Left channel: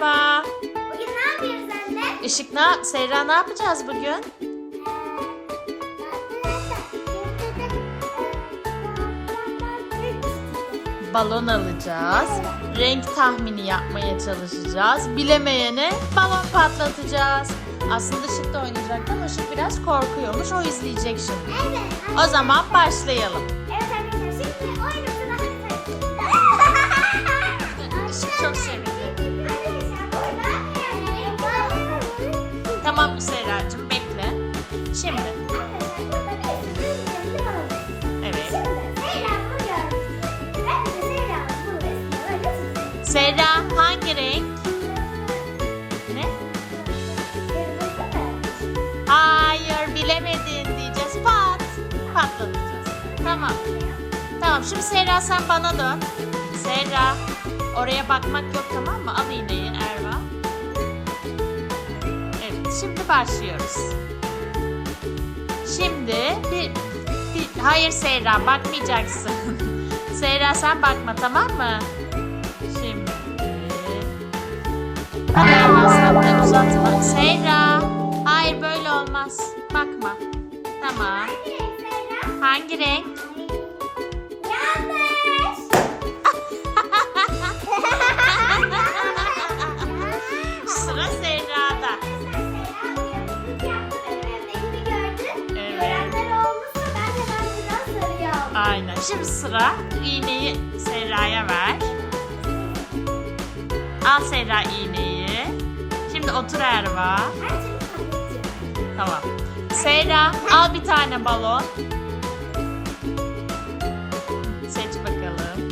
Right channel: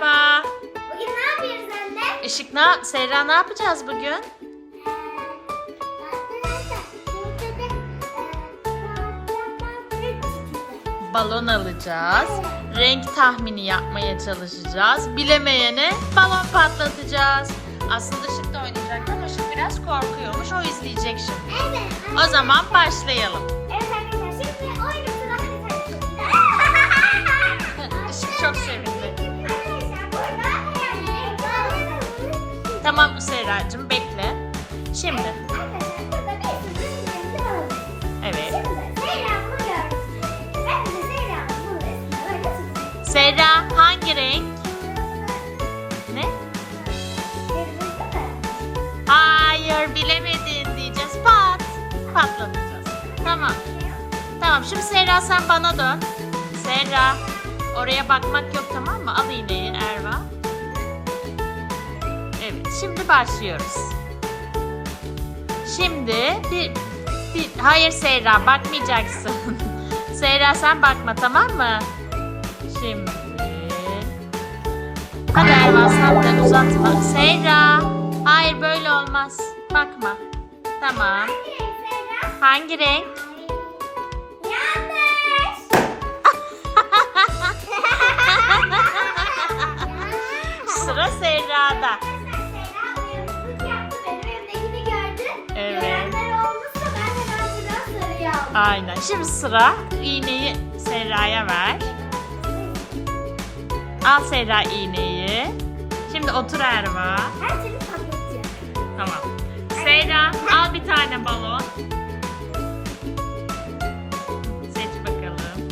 Merhaba. Bugün ne yapıyoruz anne? Işık ne? Seyra ne yapacağız bugün? Balon alacağız. Renk tahmini yapmaya çalışacağız. Bilemeyene balon patlatacağız. Aslında Işık da oynayacak ama Işık biraz korkuyormuş. O izleyecek şimdi. Evet. O zaman başlayalım. Tamam Serracığım bekle. Şimdi. Evet. Serra hangi renk? Ne? Hayır bilemedin diyeceğiz. Pat. Patlatacağız. Tamam. Tamam şimdi Serra sen bana dön. Serra oraya bakmak yok tamam mı? Al iğneyi Erva. Şimdi başlıyoruz. Şimdi bir, bir hayır Serra bakmayacaksın. Serra sen bakma tamam mı? Şimdi Hadi de uzatma. Serra hayır böyle olmaz. Bakma. Tamam. Hangi renk? Aynen. Şimdi sıra iğneyi Serra'ya ver. Al Serra iğneyi. Şimdi otur Erva. Her türlü patlatacağım. Tamam. Serra al bir tane balon. Seç bakalım.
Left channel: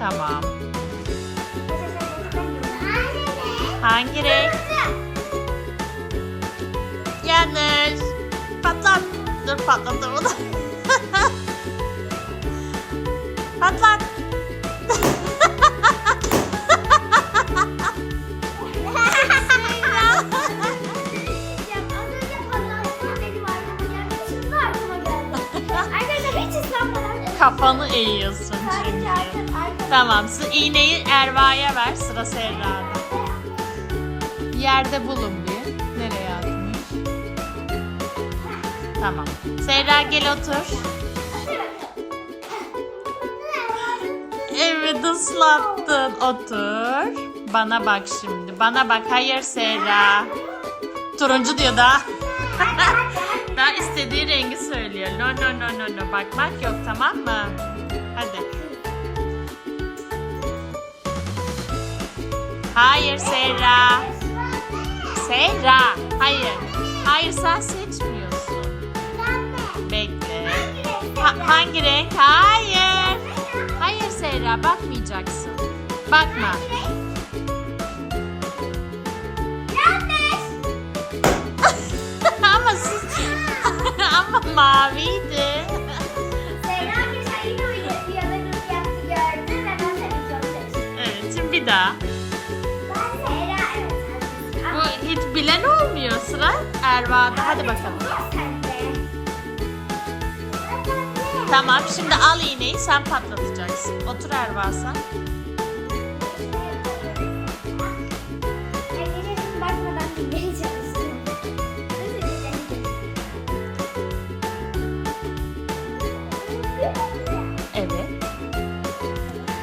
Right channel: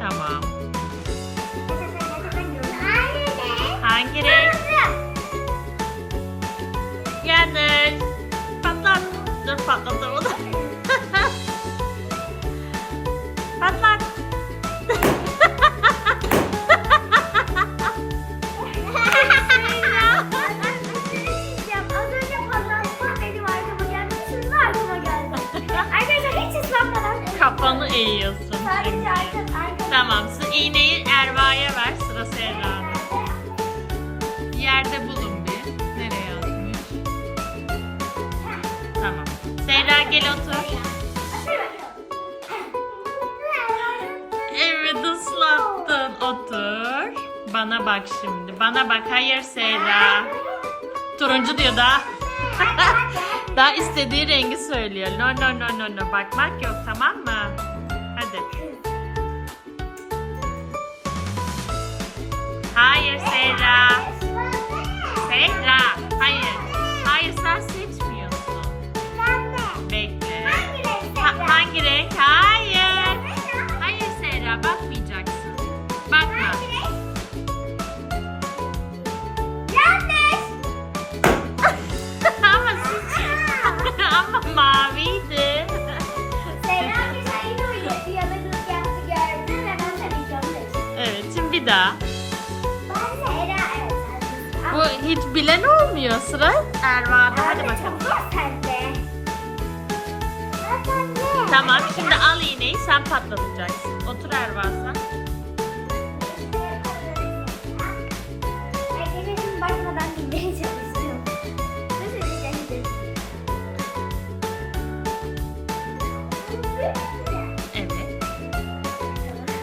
Tamam. Hangi renk? Yanlış. Patlat. Dur patlatamadım. hiç ıslanmadan. Kafanı eğiyorsun çünkü. Tamam. iğneyi Erva'ya ver. Sıra Serra'da. Yerde bulun bir. Nereye attın? Tamam. Serra gel otur. Islattın. Otur. Bana bak şimdi. Bana bak. Hayır Serra. Turuncu diyor daha. daha istediği rengi söylüyor. No no no no no. Bakmak yok tamam mı? Hadi. Hayır Serra. Serra. Hayır. Hayır sen seçmiyorsun. Bekle. Ha- hangi renk? Hayır. Hayır Serra bakmayacaksın. Bakma. ama siz... ama maviydi. Evet şimdi bir daha. Bu hiç bilen olmuyor. Sıra Erva'da. Hadi bakalım. Tamam şimdi al iğneyi sen patlatacaksın. Otur Erva sen.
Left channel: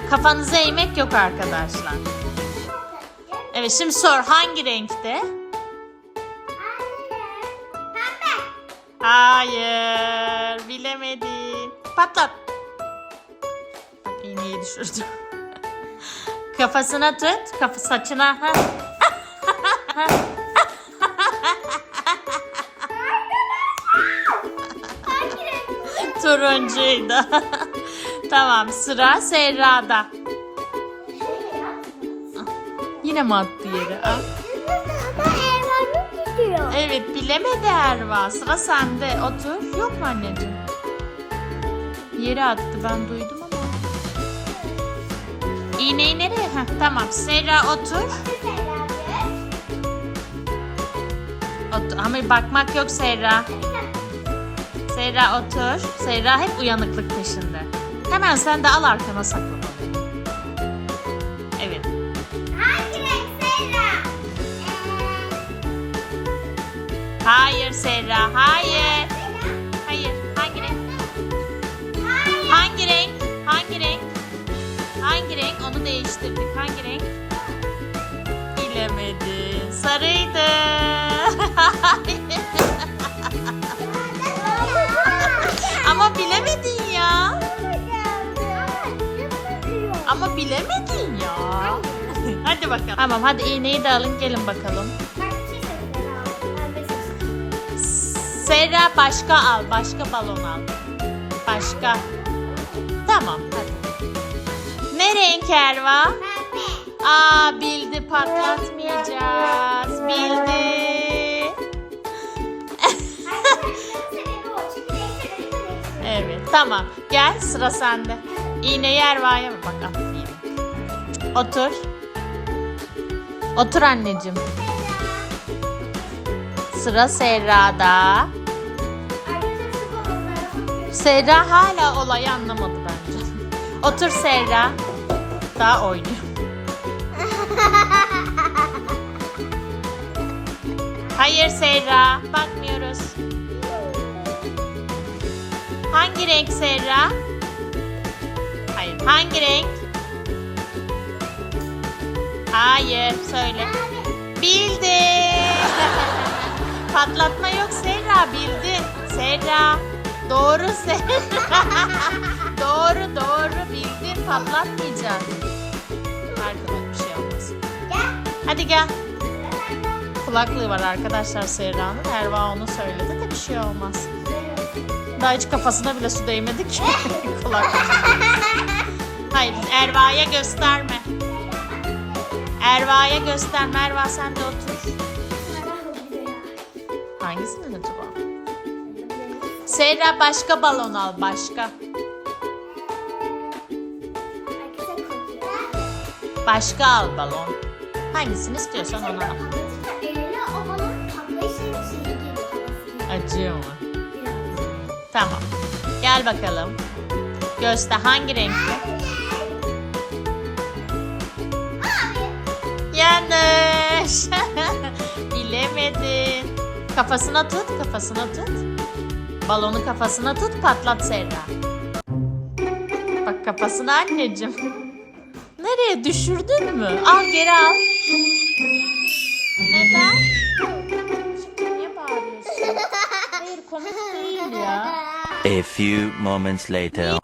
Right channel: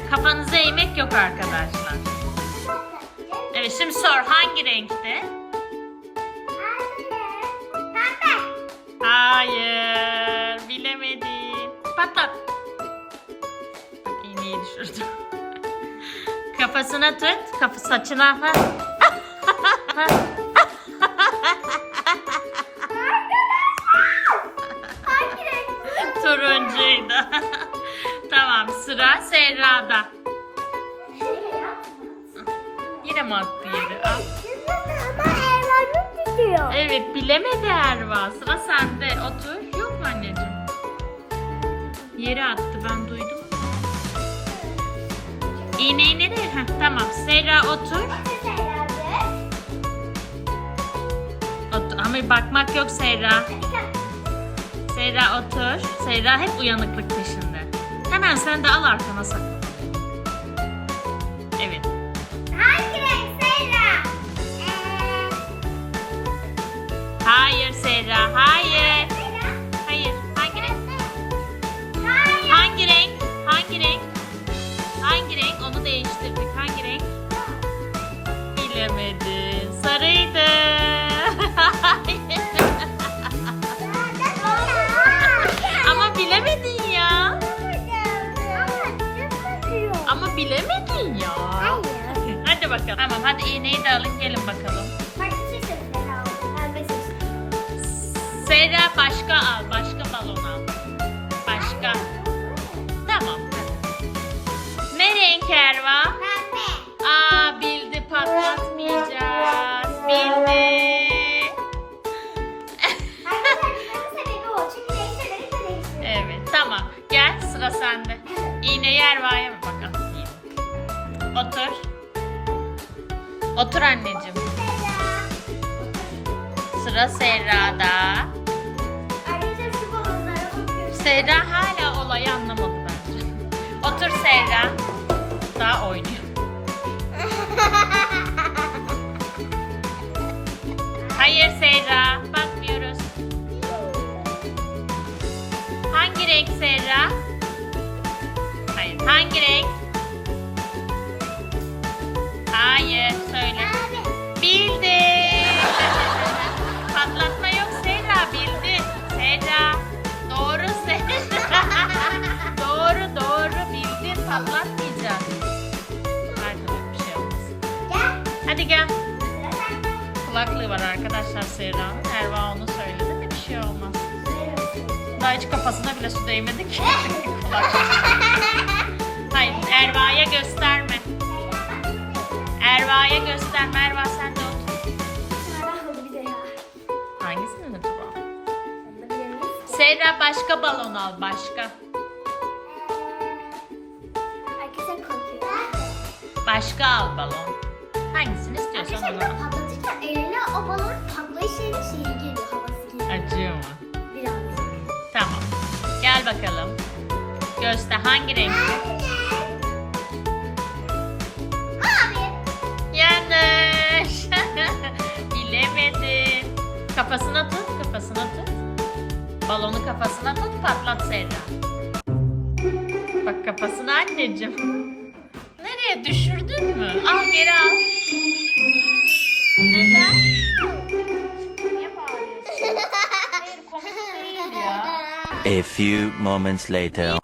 Kafanızı eğmek yok arkadaşlar. Evet şimdi sor hangi renkte? Hayır bilemedin. Patlat. Bak iğneyi düşürdüm. Kafasına tut. Kafa saçına. Turuncuydu. Tamam sıra Serra'da. Yine mi attı yere? Al. Ama Ervan'ın tutuyor. Evet bilemedi Erva. Sıra sende. Otur. Yok mu anneciğim? Yere attı ben duydum ama. İğneyi nereye? Heh, tamam. Serra otur. otur. Ama bakmak yok Serra. Serra otur. Serra hep uyanıklık peşinde. Hemen sen de al arkana sakla. Evet. Hangi renk Serra? Ee, hayır Serra, hayır. Hayır, hangi renk? Hangi renk? Hangi renk? Onu değiştirdik. Hangi renk? Bilemedin. Sarıydı. Ama bilemedin ya. Hadi bakalım. Tamam hadi iğneyi de alın gelin bakalım. Serra başka al. Başka balon al. Başka. Tamam hadi. Ne renk Erva? Aa bildi patlatmayacağız. Bildi. Evet tamam. Gel sıra sende. İğneyi Erva'ya mı bakalım? Otur. Otur anneciğim. Sıra Serra'da. Serra hala olayı anlamadı bence. Otur Serra. Daha oynuyor. Hayır Serra. Bakmıyoruz. Hangi renk Serra? Hangi renk? Hayır. Söyle. Bildi. Patlatma yok Serra. Bildi. Serra. Doğru Serra. doğru doğru bildin. Patlatmayacak. Arkadaş bir şey olmaz. Hadi gel. Kulaklığı var arkadaşlar Serra'nın. Erva onu söyledi de bir şey olmaz. Daha hiç kafasına bile su değmedi ki. Kulaklığı. Erva'ya gösterme. Erva'ya gösterme. Erva sen de otur. Hangisinin acaba? Serra başka balon al başka. Başka al balon. Hangisini istiyorsan onu al. Patlatırken eline o balon patlayışının şeyi geliyor havası geliyor. Acıyor mu? Biraz. Tamam. Gel bakalım. Göster hangi renkli? Yanlış. Bilemedin. Kafasına tut, kafasına tut. Balonu kafasına tut, patlat Serra. Bak kafasına anneciğim. Nereye düşürdün mü? Al geri al. Neden? A few moments later.